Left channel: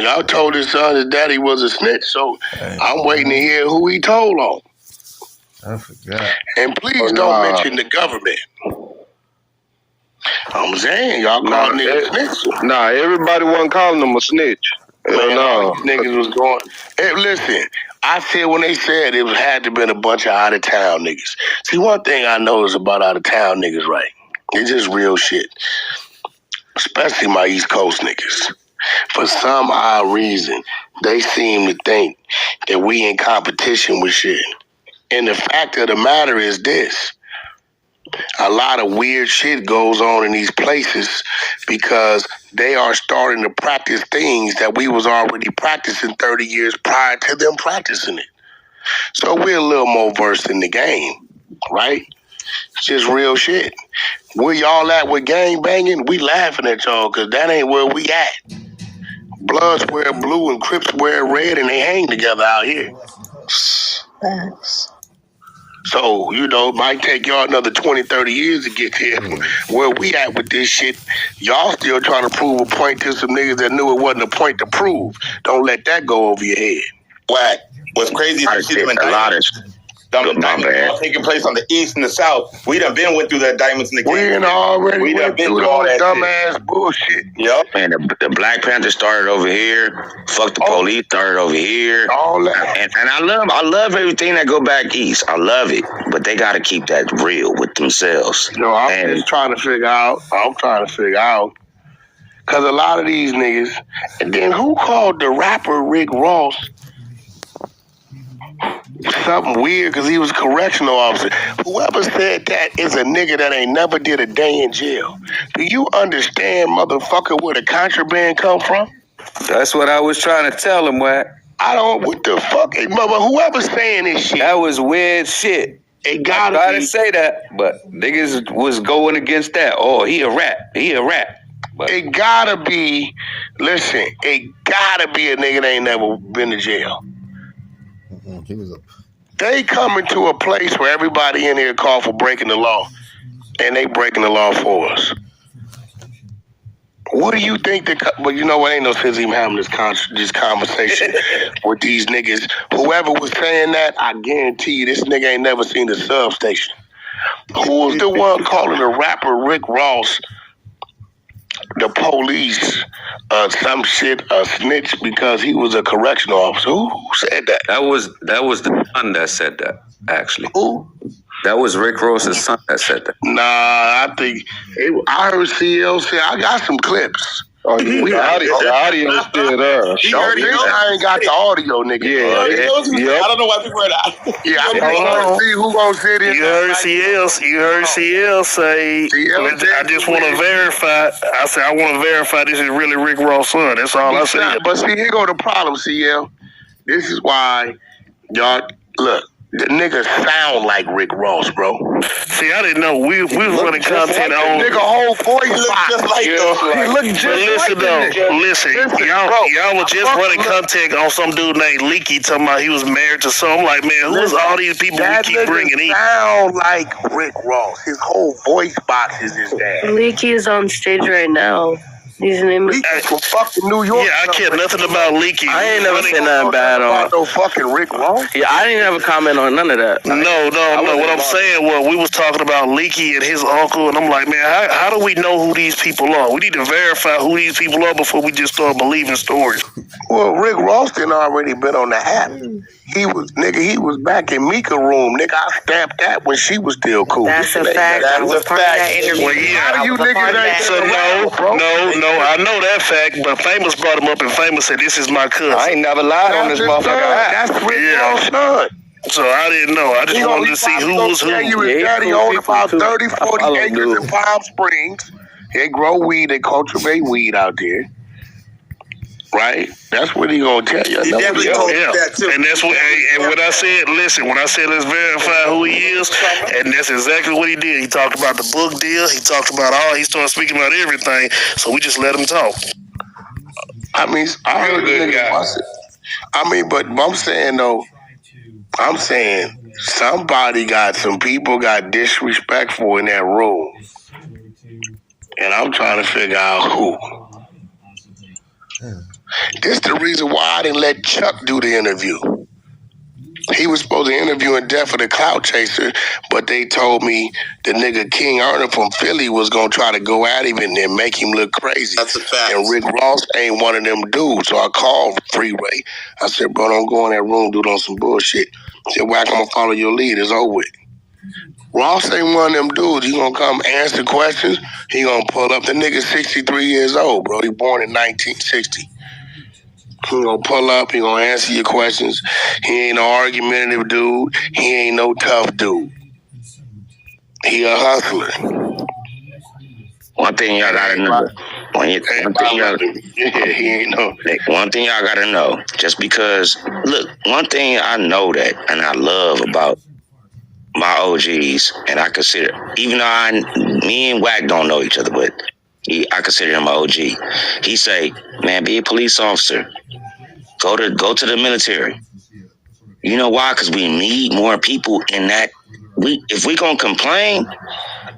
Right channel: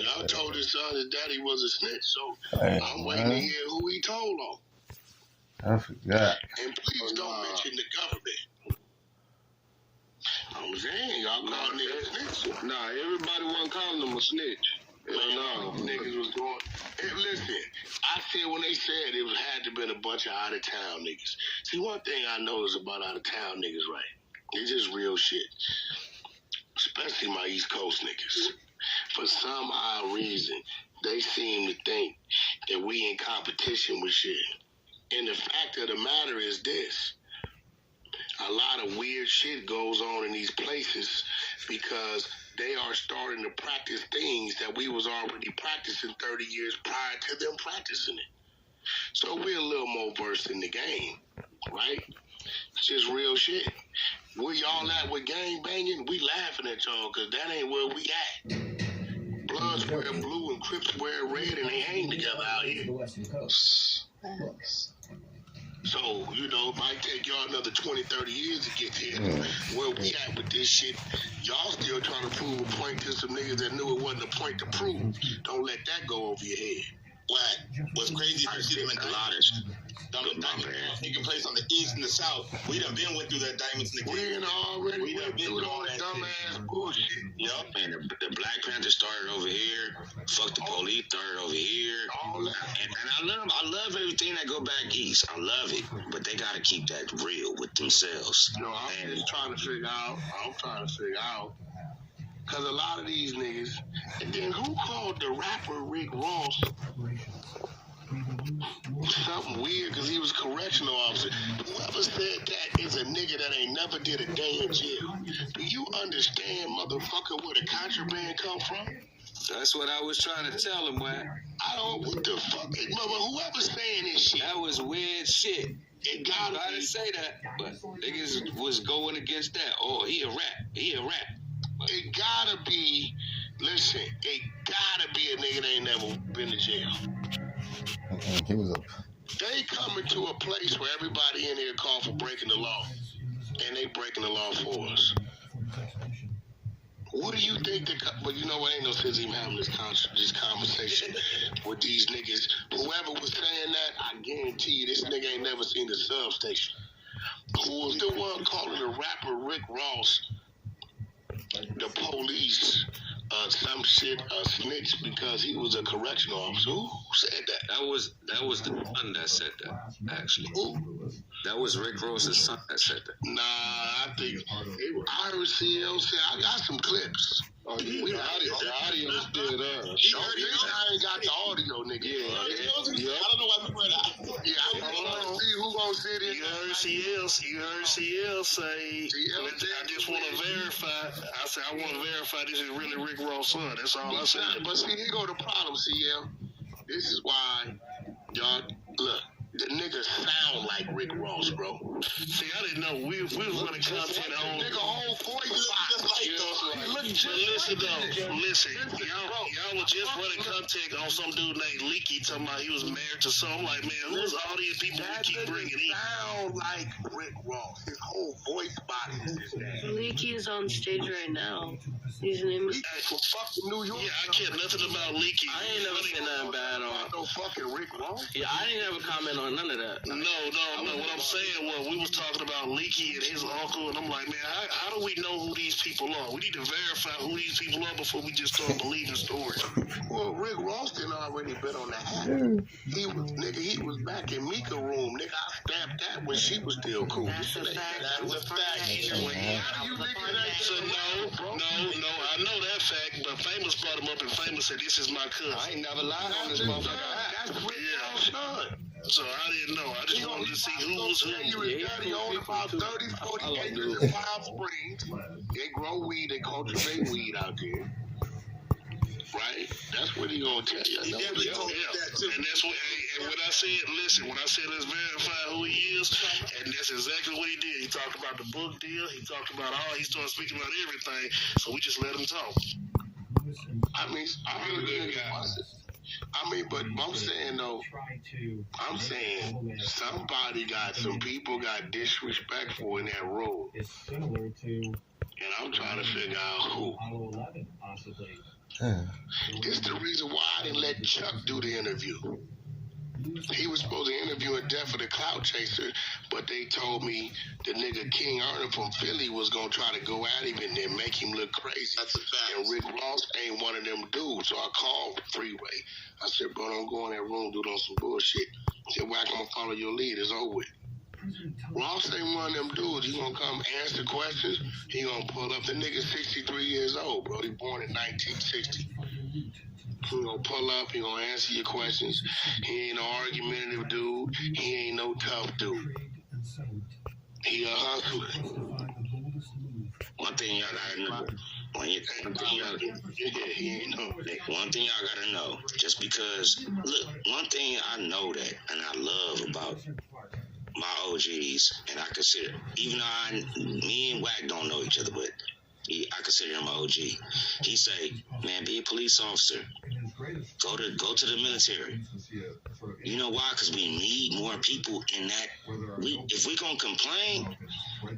Y'all told his son his daddy was a snitch, so I'm waiting to hear who he told on. I forgot. And please don't mention the government. I'm saying, y'all call niggas snitch. Nah, everybody wasn't calling him a snitch. Man, all these niggas was going. Hey, listen, I said when they said it had to been a bunch of out of town niggas. See, one thing I notice about out of town niggas, right? It's just real shit. Especially my East Coast niggas. For some odd reason, they seem to think that we in competition with shit. And the fact of the matter is this. A lot of weird shit goes on in these places because they are starting to practice things that we was already practicing 30 years prior to them practicing it. So we're a little more versed in the game, right? It's just real shit. Where y'all at with gang banging, we laughing at y'all because that ain't where we at. Bloods wear blue and Crips wear red and they hang together out here. Thanks. So, you know, it might take y'all another 20, 30 years to get here. Where we at with this shit, y'all still trying to prove a point to some niggas that knew it wasn't a point to prove. Don't let that go over your head. Wack. What's crazy is a lot of diamonds taking place on the east and the south. We done been went through that diamonds in the game. We done already went through all that dumbass bullshit. Yep. Man, the Black Panther started over here. Fuck the police started over here. All that. And I love everything that go back east. I love it. But they got to keep that real with themselves. No, I'm just trying to figure out. Because a lot of these niggas. And then who called the rapper Rick Ross something weird because he was a correctional officer? Whoever said that is a nigga that ain't never did a day in jail. Do you understand, motherfucker, where the contraband come from? That's what I was trying to tell him, Wack. I don't, what the fuck? Hey, mother, whoever's saying this shit. That was weird shit. It gotta I tried to say that, but niggas was going against that. Oh, he a rap. But it gotta be, listen, it gotta be a nigga that ain't never been to jail. He was a... They coming to a place where everybody in here call for breaking the law, and they breaking the law for us. What do you think but you know what, ain't no sense even having this conversation with these niggas. Whoever was saying that, I guarantee you this nigga ain't never seen the substation. Who's the one calling the rapper Rick Ross the police some shit a snitch because he was a correctional officer? Who said that? that was the son that said that, actually. Who? That was Rick Ross's son that said that. Nah, I think I heard CL say I got some clips. Oh, the audio still there. I ain't got the audio, nigga. I don't know why people are that. Yeah, I'm gonna see who gonna sit in. You heard CL say, I just want to verify. I said, I want to verify this is really Rick Ross' son. That's all I said. But see, here go the problem, CL. This is why y'all, look, the niggas sound like Rick Ross, bro. See, I didn't know. We was running content on. Nigga whole voice just like he look just listen, y'all was just running content on some dude named Leaky talking about he was married to some. I'm like, man, who's all these people we keep bringing in? Sound like Rick Ross. His whole voice box is his dad. Leaky is on stage right now. His name is from fucking New York. Yeah, I care nothing about Leaky. I ain't never said nothing bad on. No fucking Rick Ross. Yeah, I didn't have a comment on none of that. No. What I'm saying was we was talking about Leaky and his uncle, and I'm like, man, how do we know who these people are? We need to verify who these people are before we just start believing stories. Well, Rick Ross done already been on the app. He was back in Mika room. Nigga, I stamped that when she was still cool. That's a fact. That's a fact. Well, yeah. How you niggas ain't So no, I know that fact, but Famous brought him up, and Famous said, this is my cousin. I ain't never lied on this motherfucker. That's Rick Ross' son. So I didn't know. I just wanted to see who was who. His daddy owned about 30, 40 acres in Palm Springs. They grow weed, they cultivate weed out there. Right? That's what he gonna tell you. He definitely told me that too. And that's what, and when I said, listen, when I said let's verify who he is, and that's exactly what he did. He talked about the book deal. He talked about he started speaking about everything. So we just let him talk. I mean, I heard the nigga. I mean, but I'm saying though, some people got disrespectful in that room. And I'm trying to figure out who. This is the reason why I didn't let Chuck do the interview. He was supposed to interview in Death for the Clout Chaser, but they told me the nigga King Erner from Philly was gonna try to go at him and then make him look crazy. That's a fact. And Rick Ross ain't one of them dudes, so I called Freeway. I said, bro, don't go in that room, dude, on some bullshit. He said, Wack, I'm gonna follow your lead. It's over with. Ross ain't one of them dudes. He gonna come answer questions. He gonna pull up. The nigga's 63 years old, bro. He born in 1960. He gonna pull up, he gonna answer your questions. He ain't no argumentative dude. He ain't no tough dude. He a hustler. One thing y'all gotta know. One thing y'all gotta know. Just because, look, one thing I know that and I love about my OGs, and I consider, even though me and Wack don't know each other, but I consider him my OG. He say, man, be a police officer. Go to the military. You know why? Because we need more people in that. If we gonna complain,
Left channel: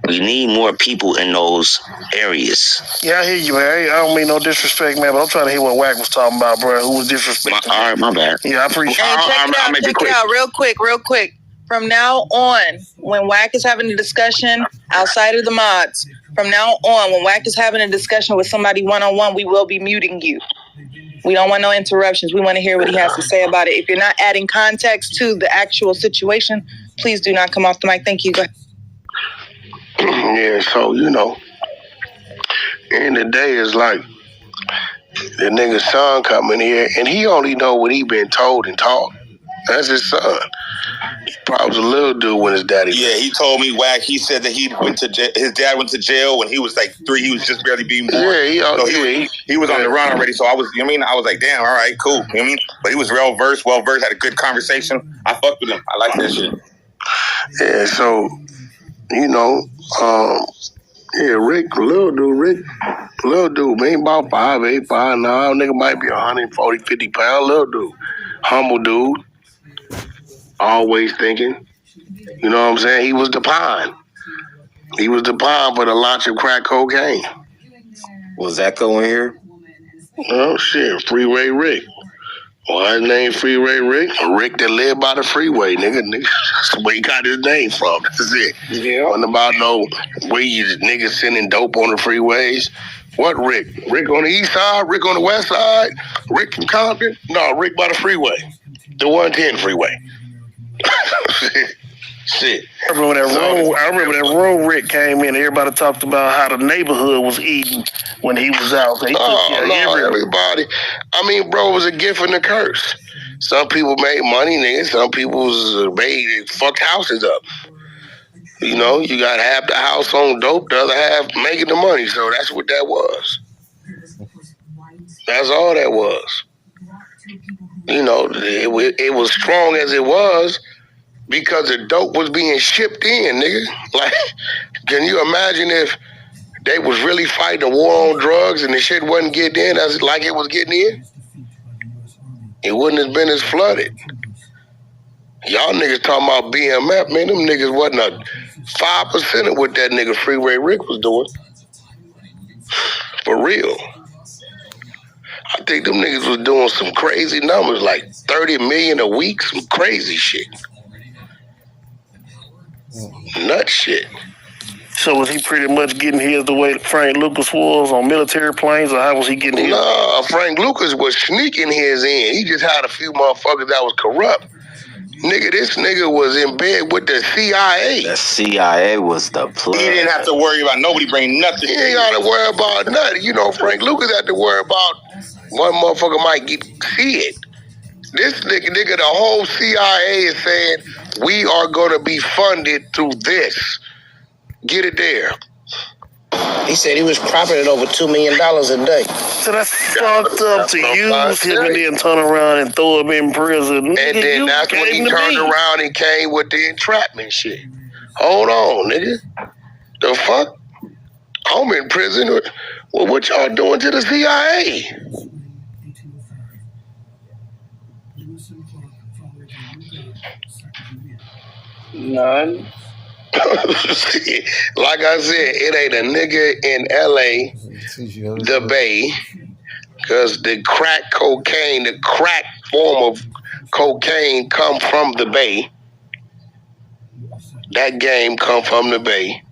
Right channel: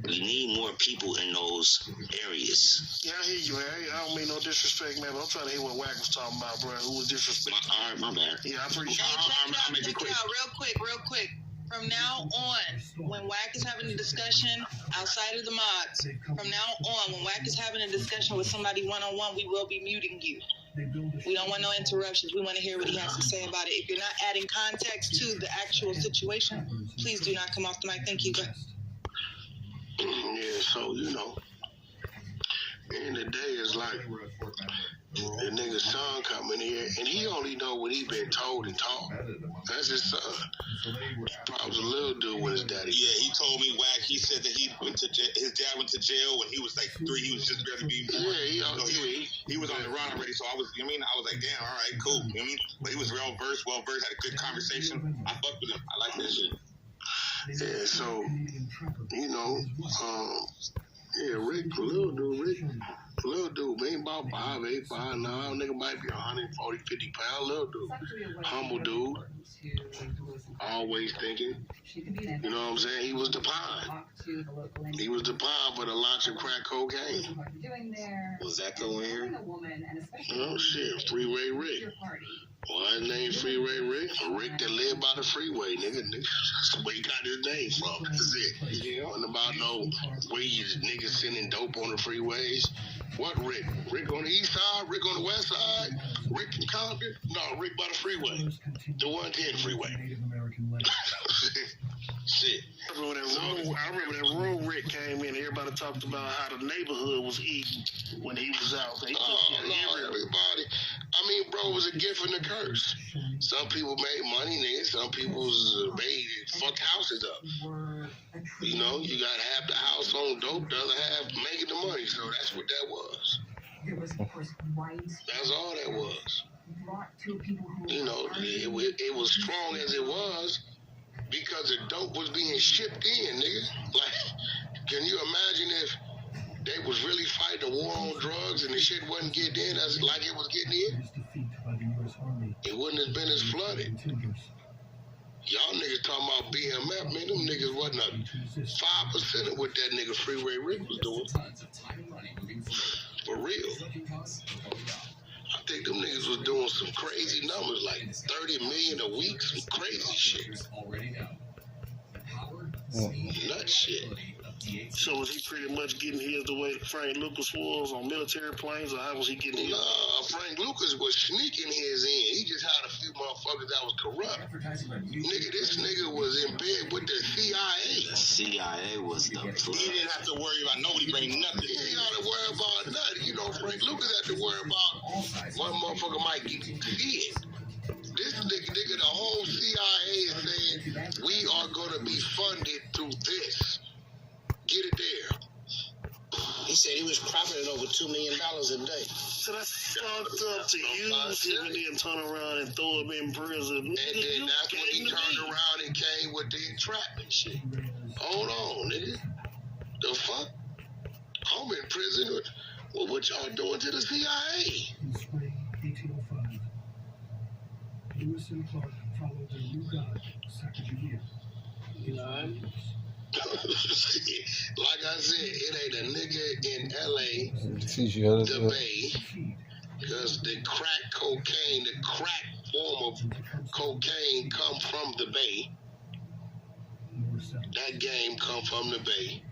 we need more people in those areas. Yeah, I hear you, man. I don't mean no disrespect, man, but I'm trying to hear what Wack was talking about, bro. Who was disrespecting? All right, my bad. Yeah, I appreciate it. Hey, check it out, real quick. From now on, when Wack is having a discussion outside of the mods, from now on, when Wack is having a discussion with somebody one-on-one, we will be muting you. We don't want no interruptions. We want to hear what he has to say about it. If you're not adding context to the actual situation, please do not come off the mic. Thank you. Go ahead. Yeah, so, you know, end of the day is like the nigga's son coming here, and he only know what he been told and taught. That's his son. He probably was a little dude when his daddy. Yeah, he told me, Wack. He said that his dad went to jail when he was like 3. He was just barely being born. Yeah, he was on the run already. So I was, I was like, damn, all right, cool. You know what I mean? But he was well versed, had a good conversation. I fucked with him. I like that shit. Yeah, so, you know, Rick, little dude, man, about 5'8", 5'9", nigga might be 140, 50 pounds, little dude. Humble dude. Always thinking. You know what I'm saying? He was the pine. He was the pine for the launch of crack cocaine. Was Echo in here? Oh, shit. Freeway Rick. Why his name Freeway Rick? Rick that lived by the freeway, nigga. That's where he got his name from. That's it. Yeah. Wasn't about no where you niggas sending dope on the freeways. What Rick? Rick on the east side? Rick on the west side? Rick from Compton? No, Rick by the freeway. The 110 freeway. Shit. I remember that room Rick came in. Everybody talked about how the neighborhood was eating when he was out. Everybody. I mean, bro, it was a gift and a curse. Some people made money, nigga. Some people fucked houses up. You know, you got half the house on dope, the other half making the money. So that's what that was. That's all that was. You know, it was strong as it was because the dope was being shipped in, nigga. Like, can you imagine if they was really fighting a war on drugs and the shit wasn't getting in as like it was getting in? It wouldn't have been as flooded. Y'all niggas talking about BMF, man, them niggas wasn't a 5% of what that nigga Freeway Rick was doing. For real. I think them niggas was doing some crazy numbers, like 30 million a week, some crazy shit. Nut shit. So was he pretty much getting his the way Frank Lucas was on military planes, or how was he getting his? Nah, Frank Lucas was sneaking his in. He just had a few motherfuckers that was corrupt. Nigga, this nigga was in bed with the CIA. The CIA was the plug. He didn't have to worry about nobody bringing nothing. He ain't got to worry about nothing. You know, Frank Lucas had to worry about one motherfucker might see it. This nigga, the whole CIA is saying, we are going to be funded through this. Get it there. He said he was profiting over $2 million a day. So that's fucked up to use him and then turn around and throw him in prison. And then that's when he turned around and came with the entrapment shit. Hold on, nigga. The fuck? I'm in prison. Well, what y'all doing to the CIA? None. Like I said, it ain't a nigga in LA, the Bay, Because the crack cocaine, the crack form of cocaine come from the Bay. That game come from the Bay.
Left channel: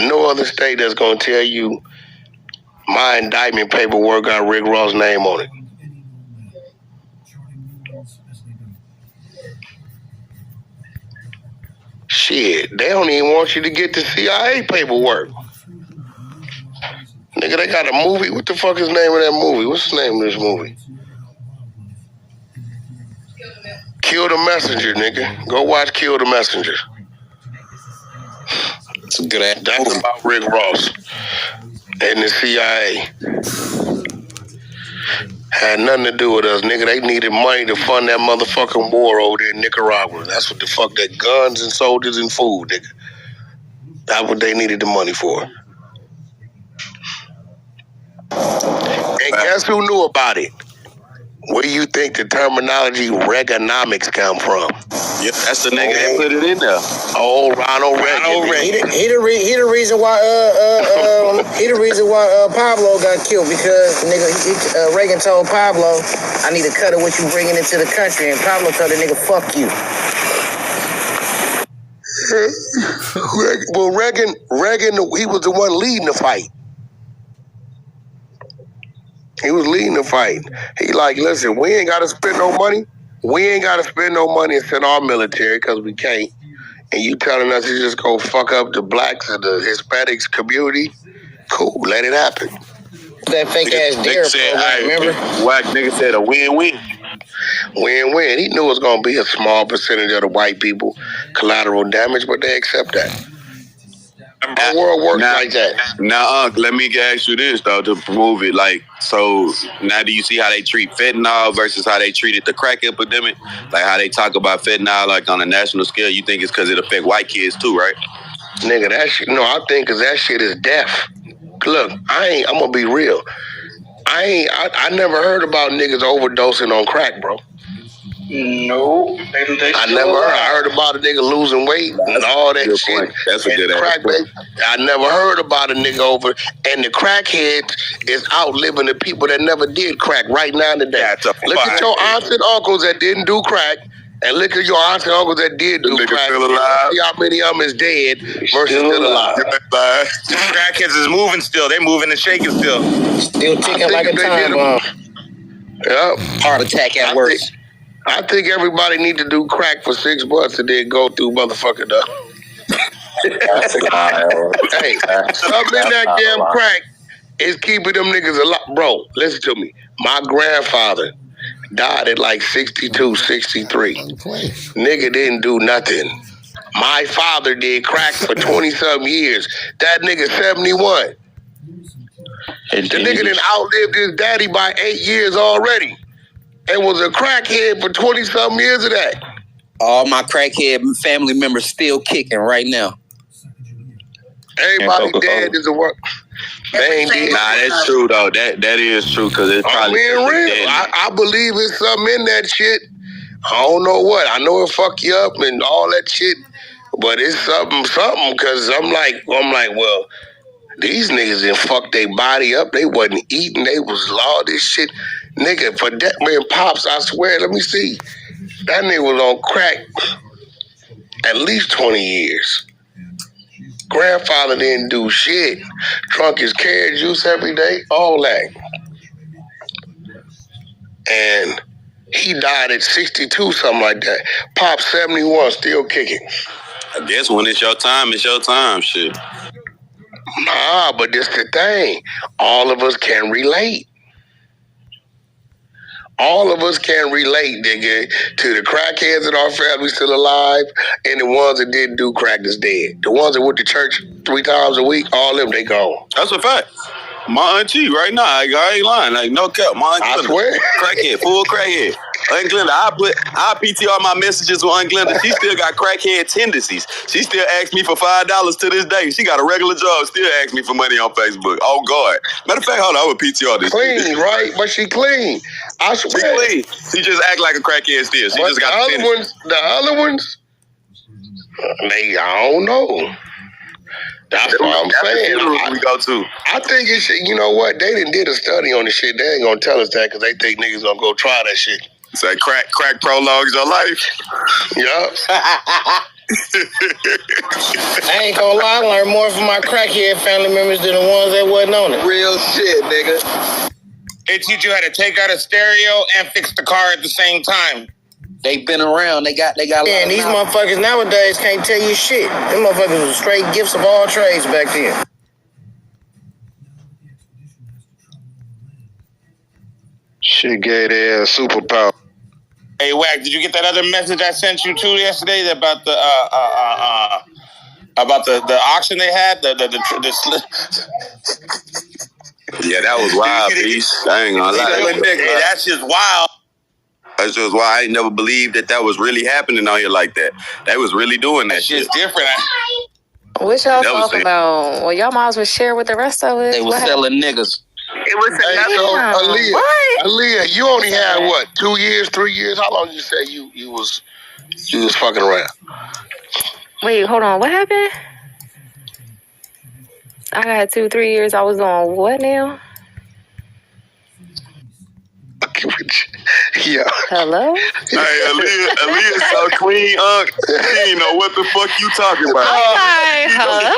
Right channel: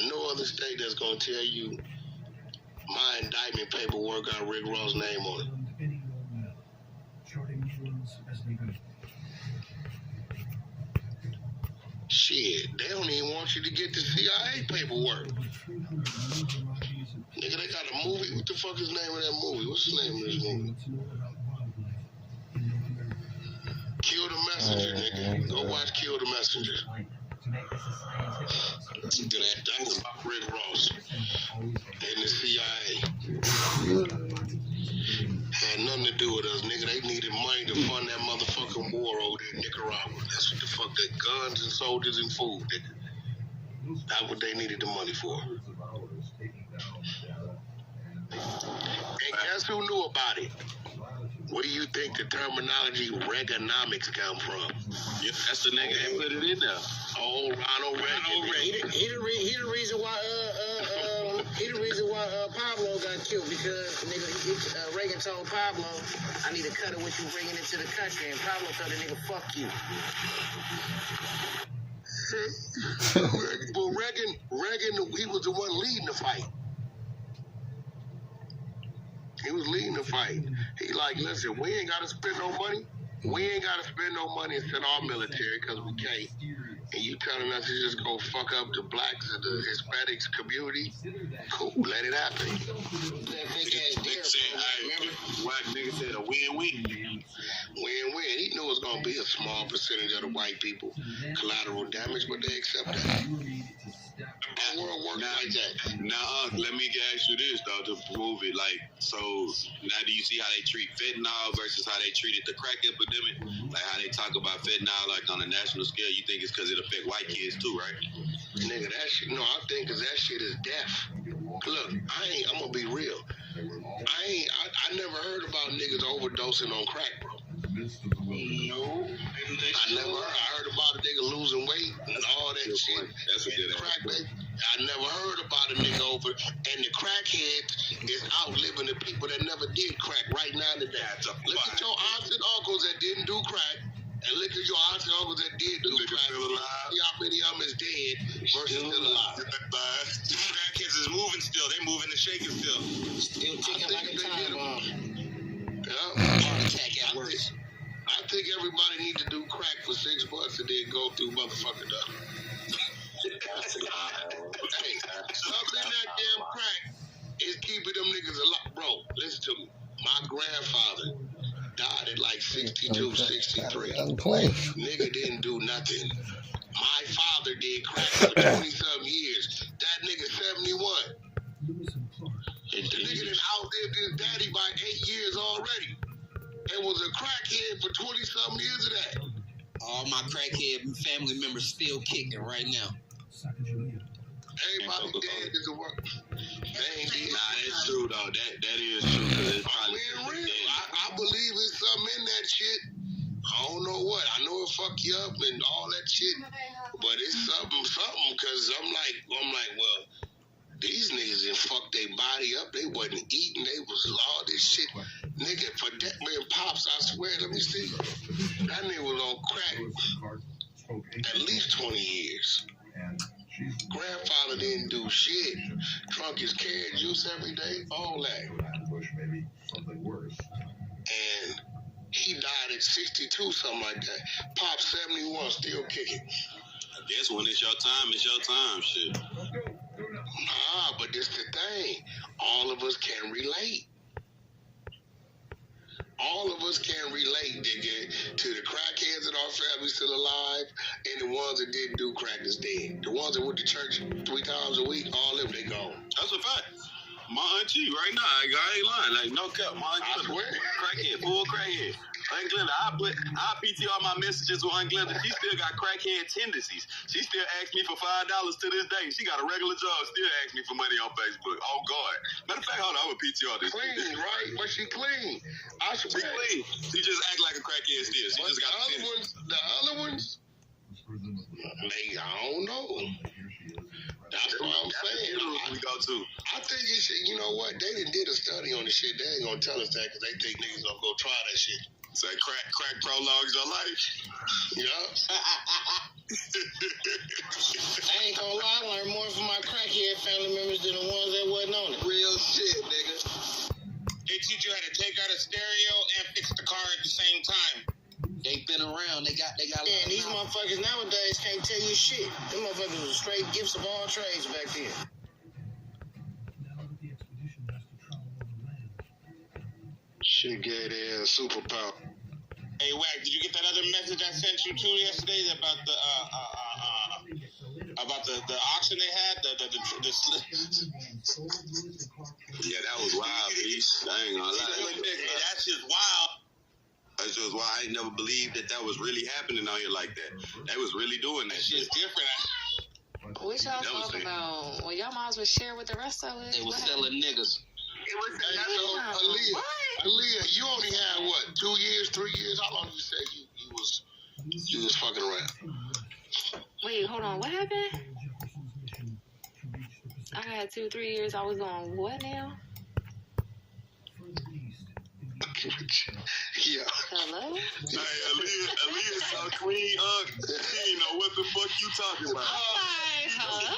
No other state that's going to tell you my indictment paperwork got Rick Ross' name on it. Shit, they don't even want you to get the CIA paperwork. Nigga, they got a movie. What the fuck is the name of that movie? What's the name of this movie? Kill the Messenger, nigga. Go watch Kill the Messenger. It's a good ass. That's about Rick Ross and the CIA. Had nothing to do with us, nigga. They needed money to fund that motherfucking war over there in Nicaragua. That's what the fuck, that guns and soldiers and food, nigga. That's what they needed the money for. And guess who knew about it? Where do you think the terminology Reaganomics come from? Yep, that's the nigga that put it in there. Oh, Ronald Reagan. He the reason why Pablo got killed, because nigga Reagan told Pablo, I need to cut it what you bringing into the country, and Pablo told the nigga, fuck you. Well, Reagan, he was the one leading the fight. He was leading the fight. He like, listen, we ain't got to spend no money. We ain't got to spend no money and send our military because we can't. And you telling us to just go fuck up the blacks and the Hispanics community? Cool, let it happen. That fake ass dare program, remember? Wack nigga said a win-win. Win-win. He knew it was going to be a small percentage of the white people collateral damage, but they accept that. The world works like that. Now, let me ask you this, though, to prove it. Like, so now do you see how they treat fentanyl versus how they treated the crack epidemic? Like how they talk about fentanyl like on a national scale. You think it's because it affect white kids too, right? Nigga, that shit, no, I think because that shit is death. Look, I'm going to be real. I never heard about niggas overdosing on crack, bro. No, I never heard. I heard about a nigga losing weight and all that shit. Point. That's a good crack, baby. I never heard about a nigga over. And the crackheads is outliving the people that never did crack right now today. Look at your aunts and uncles that didn't do crack, and look at your aunts and uncles that did do crack. Still alive. See how many of them is dead versus still alive. The crackheads is moving still. They moving and shaking still. Still ticking like a time bomb. Yep. Heart attack at worst. I think everybody need to do crack for 6 months and then go through motherfucking Hey, something in that damn crack is keeping them niggas alive. Bro, listen to me. My grandfather died at like 62, 63. Nigga didn't do nothing. My father did crack for 20-something years. That nigga 71. The nigga done outlived his daddy by 8 years already. And was a crackhead for 20-something years of that. All my crackhead family members still kicking right now. Everybody dead is a work. They ain't dead. Nah, that's true though. That is true because it's probably being real. I believe it's something in that shit. I don't know what. I know it fuck you up and all that shit, but it's something. Because I'm like, well, these niggas done fucked their body up. They wasn't eating. They was all this shit. Nigga, for that man, Pops, I swear, let me see. That nigga was on crack at least 20 years. Grandfather didn't do shit. Drunk his carrot juice every day, all that. And he died at 62, something like that. Pop 71, still kicking. I guess when it's your time, shit. Nah, but this the thing. All of us can relate. All of us can relate, nigga, to the crackheads in our family still alive and the ones that didn't do crack that's dead. The ones that went to church 3 times a week, all of them, they gone. That's a fact. My auntie right now, I ain't lying. Like, no cap. My auntie, I swear. Crackhead, full crackhead. Aunt Glenda, I PTR my messages with Aunt Glenda. She still got crackhead tendencies. She still asks me for $5 to this day. She got a regular job, still asks me for money on Facebook. Oh, God. Matter of fact, hold on, I would PTR this. Clean, right? But she clean. I swear. She clean. She just act like a crackhead still. She just got the other ones, I don't know. That's what I'm saying. We go to. I think it should, you know what? They did a study on the shit. They ain't gonna tell us that because they think niggas gonna go try that shit. Say crack prologues your life. Yup. I ain't gonna lie, I learned more from my crackhead family members than the ones that wasn't on it. Real shit, nigga. They teach you how to take out a stereo and fix the car at the same time. They been around. They got. Yeah, and these motherfuckers nowadays can't tell you shit. Them motherfuckers was straight gifts of all trades back then. Shit gave their ass superpower. Hey, Wack, did you get that other message I sent you too yesterday about the auction they had? Yeah, that was wild, beast. I ain't gonna lie. Hey, that's just wild. That's just why I ain't never believed that was really happening out here like that. They was really doing that shit. It's different. What y'all talking about? Well, y'all might as well share with the rest of us. They was selling niggas. It was another Aaliyah, What? Aaliyah, you only had what, 2 years, 3 years? How long did you say you was fucking around? Wait, hold on. What happened? I got 2-3 years. I was on what now? Yeah. Hello? Hey, Aaliyah so clean, she ain't know what the fuck you talking about. Huh?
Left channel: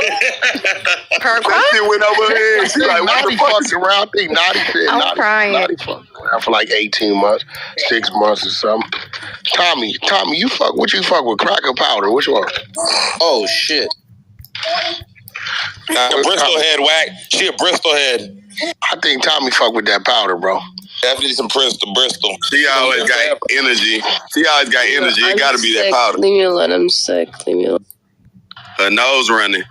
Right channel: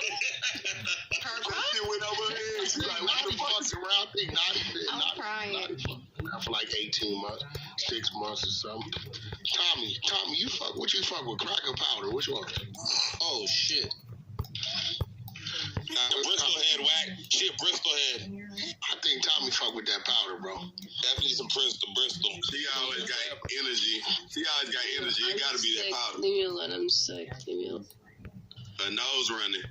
That shit went over her head. She like, what the fuck around? I think Naughty said Naughty fucked around for like 18 months, 6 months or something. Tommy, you fuck with crack or powder? Which one? Oh shit. The Bristol head, Wack. She a Bristol head. I think Tommy fuck with that powder, bro. Definitely some Bristol. She always got energy. It gotta be that powder. Leave me alone. I'm sick. Leave me alone. Her nose running.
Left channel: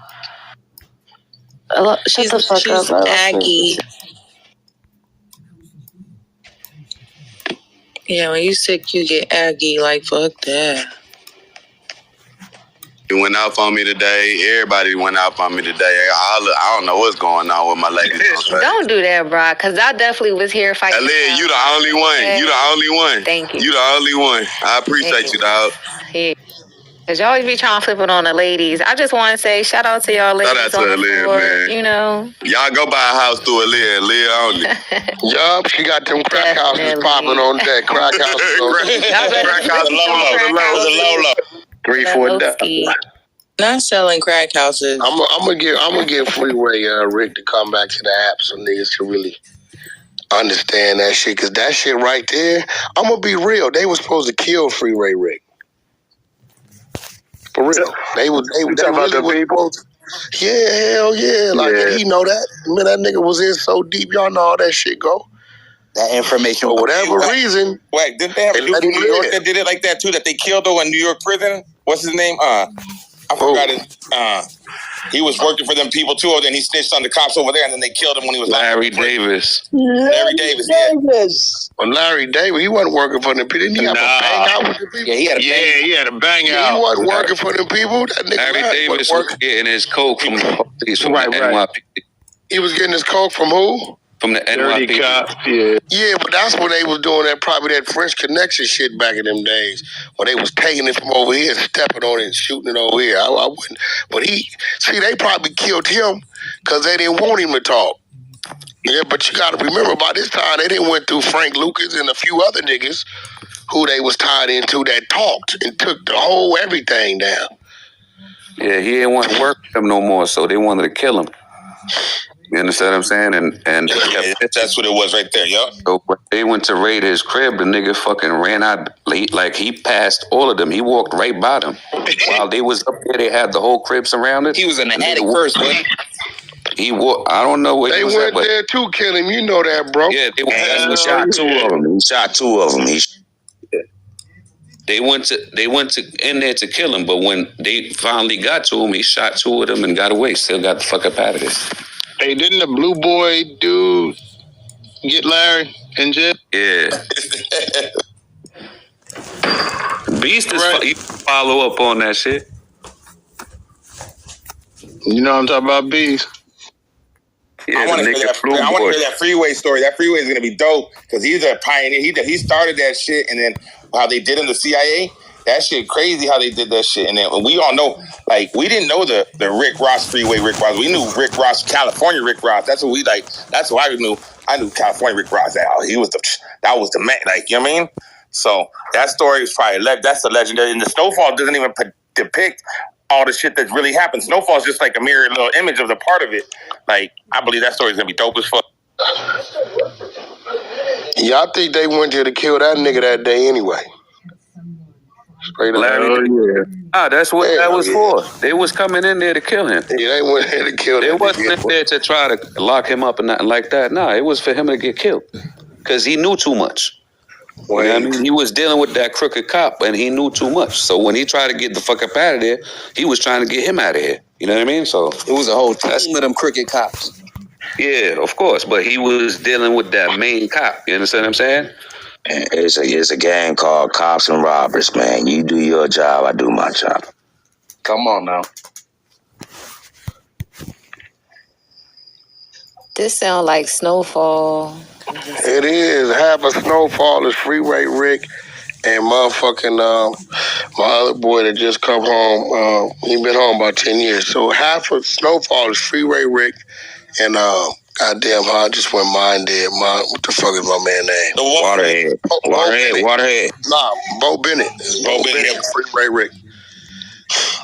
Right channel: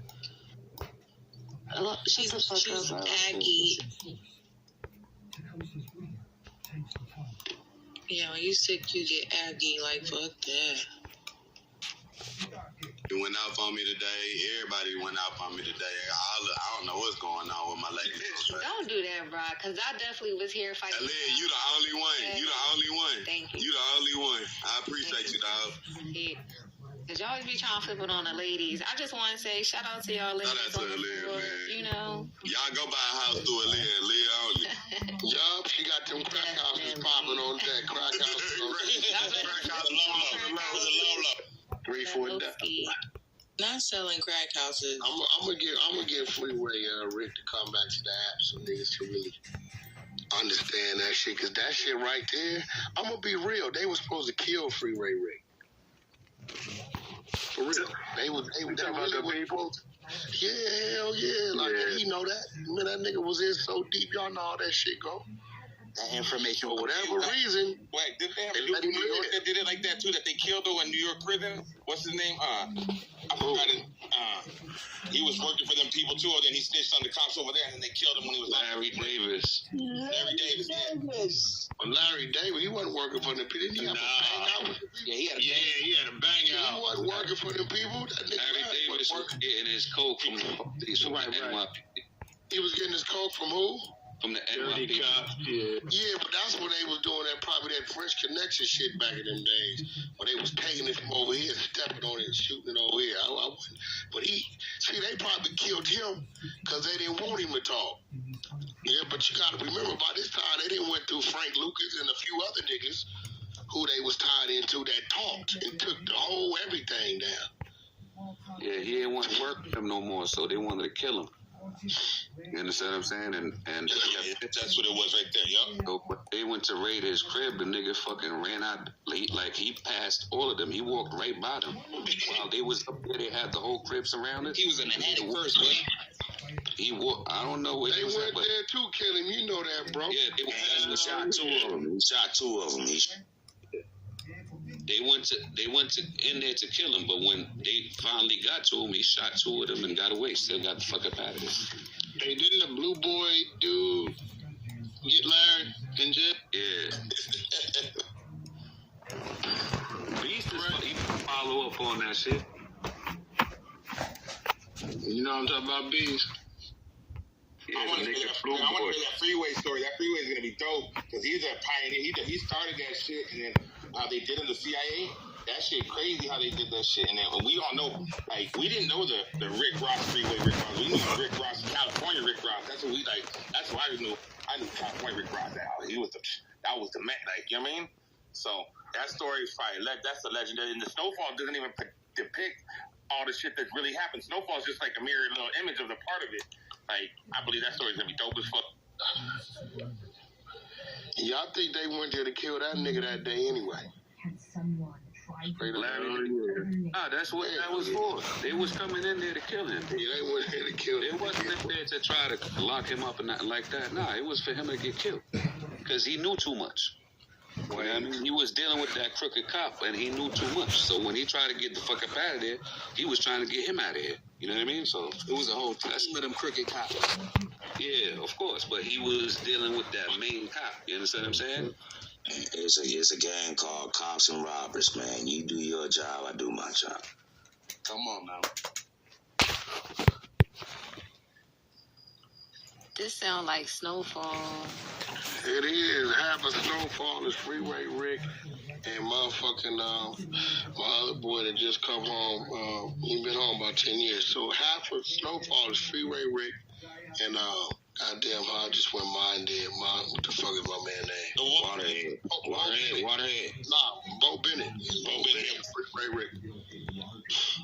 She's aggy. Yeah, when you sick, you get aggy. Like, fuck that. He went off on me today. Everybody went off on me today. I don't know what's going on with my ladies. Don't do that, bro, because I definitely was here fighting. Aaliyah, you the only one. You the only one. Thank you. You the only one. I appreciate you, dog. Yeah. Because y'all always be trying to flip it on the ladies. I just want to say shout out to y'all ladies. Shout out to Aaliyah, man. You know. Y'all go buy a house through Aaliyah only. Yup, she got them crack houses popping on that. Crack houses. Crack house, the Lolo. 3-4. Not selling crack houses. I'm gonna give Freeway Rick to come back to the app so niggas can really understand that shit. Cause that shit right there, I'm gonna be real. They was supposed to kill Freeway Rick. For real. They really about the people? Yeah, hell yeah. Like he know that. Man, that nigga was in so deep. Y'all know how that shit go. That information. For whatever reason. Wait, didn't they have a dude in New York that did it like that too? That they killed though in New York prison? What's his name? I forgot his. He was working for them people too, and then he snitched on the cops over there, and then they killed him when he was Larry Davis. Larry Davis, yeah. Well, Larry Davis, he wasn't working for them people. Didn't he have a bang out with the people? Yeah, he had a bang out. He wasn't working for them people. That nigga Larry Davis was getting his coke from the police, from the NYPD. He was getting his coke from who? From the NYPD. Yeah, but that's when they was doing that, probably that French Connection shit back in them days, when they was taking it from over here, stepping on it and shooting it over here. I wouldn't. But they probably killed him because they didn't want him to talk. Yeah, but you got to remember, by this time, they didn't went through Frank Lucas and a few other niggas who they was tied into that talked and took the whole everything down. Yeah, he didn't want to work with them no more, so they wanted to kill him. You understand what I'm saying? And that's what it was right there, yo. So when they went to raid his crib, the nigga fucking ran out late. Like, he passed all of them. He walked right by them. While they was up there, they had the whole crib surrounded. He was in the attic first, man. I don't know where they he was went at, there to kill him. You know that, bro. Yeah, they He shot two of them. They went to in there to kill him, but when they finally got to him, he shot two of them and got away. Still got the fuck up out of there. Hey, didn't the blue boy dude get Larry in jail? Yeah. Beast is he follow up on that shit. You know what I'm talking about, Beast? Yeah, I want to hear that Freeway story. That Freeway is going to be dope because he's a pioneer. He started that shit, and then how they did in the CIA, That shit crazy how they did that shit. And then we all know, like, we didn't know the Rick Ross freeway Rick Ross. We knew Rick Ross, California Rick Ross. That's what we like. That's what I knew. I knew California Rick Ross. That was the man. Like, you know what I mean? So that story is probably that's the legendary. And the Snowfall doesn't even depict all the shit that really happened. Snowfall is just like a mirror little image of the part of it. Like, I believe that story is gonna be dope as fuck. Yeah, I think they went there to kill that nigga that day anyway. Straight up. Ah, that's what that was for. They was coming in there to kill him. Yeah, they went there to kill him. They wasn't in there to try to lock him up and nothing like that. Nah, it was for him to get killed. Because he knew too much. You know what I mean? He was dealing with that crooked cop and he knew too much. So when he tried to get the fuck up out of there, he was trying to get him out of here. You know what I mean? So it was a whole team of them crooked cops. Yeah, of course. But he was dealing with that main cop. You understand what I'm saying? It's a gang called Cops and Robbers, man. You do your job, I do my job. Come on now. This sound like Snowfall. It is. Half of Snowfall is Freeway Rick and motherfucking my other boy that just come home. He been home about 10 years. So half of Snowfall is Freeway Rick and goddamn, I just went mind dead. What the fuck is my man name? Waterhead. Nah, Bo Bennett. Bo Bennett, Freeway Rick.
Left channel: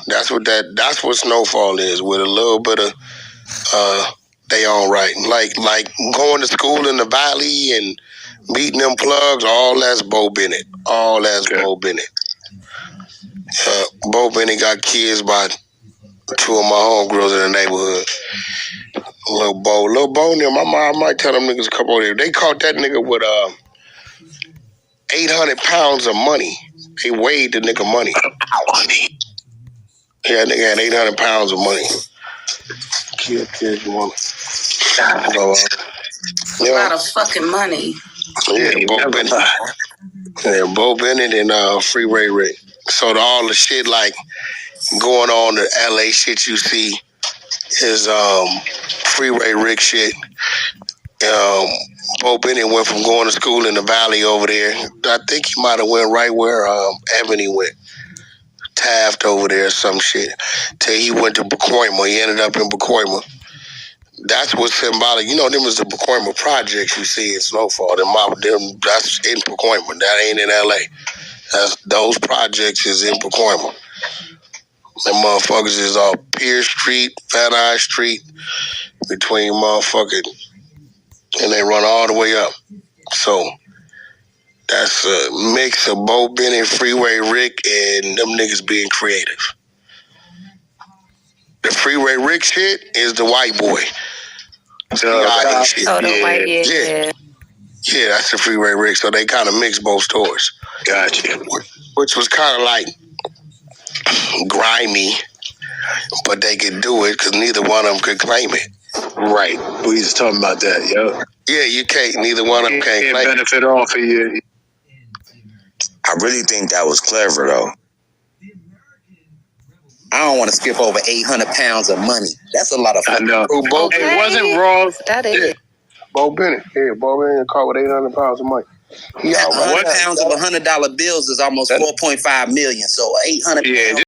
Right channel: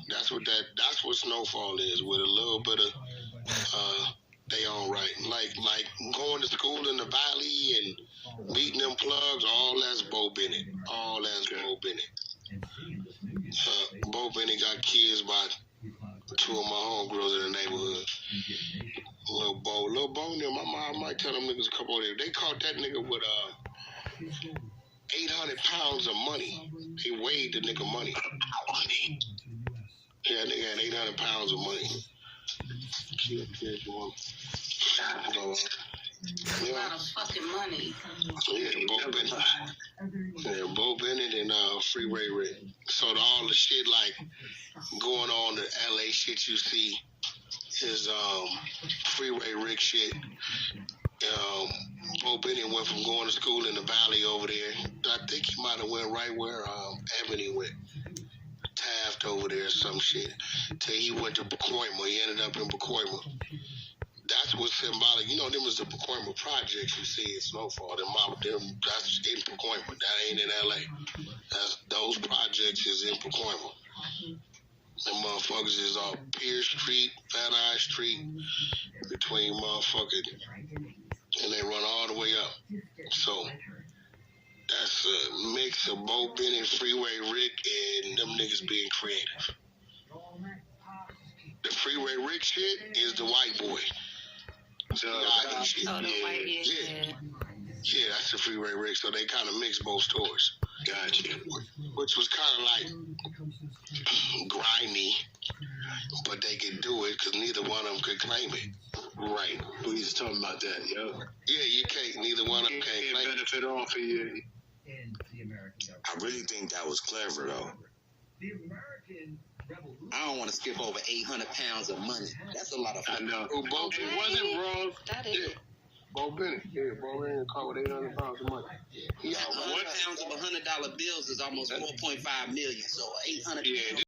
That's what Snowfall is, with a little bit of they all right. Like going to school in the valley and meeting them plugs, all that's Bo Bennett. All that's Bo Bennett. Bo Bennett got kids by two of my homegirls in the neighborhood. Little Bo and them. I might tell them niggas to come over there. They caught that nigga with 800 pounds of money. They weighed the nigga money. Yeah, that nigga had 800 pounds of money. Kids, woman. So, a lot of fucking money. Yeah, Bo Bennett. Yeah, Bo Bennett and Freeway Rick. So all the shit like going on, the LA shit you see is Freeway Rick shit. Bo Bennett went from going to school in the valley over there. I think he might have went right where Ebony went. Taft over there or some shit. Till he went to Pacoima. He ended up in Pacoima. That's what's symbolic. You know, them is the Pacoima projects you see in Snowfall. That's in Pacoima. That ain't in LA. Those projects is in Pacoima. Them motherfuckers is off Pierce Street, Van Nuys Street, between motherfucking, and they run all the way up. So that's a mix of Bo Bennett, Freeway Rick, and them niggas being creative. The Freeway Rick shit is the white boy. CIA shit. Yeah, that's the Freeway Rick. So they kind of mix both stories. Gotcha. Which was kind of like grimy, but they could do it because neither one of them could claim it. Right. We just talking about that, yo. Yeah, you can't. Neither one of them can't claim benefit off of you. I really think that was clever, though. I don't want to skip over 800 pounds of money. That's a lot of fun. I know. It wasn't wrong. That is. Yeah. Bo Bennett. Yeah, Bo Bennett caught with 800 pounds of money. 100 pounds of $100 bills is almost 4.5 million. So 800 pounds.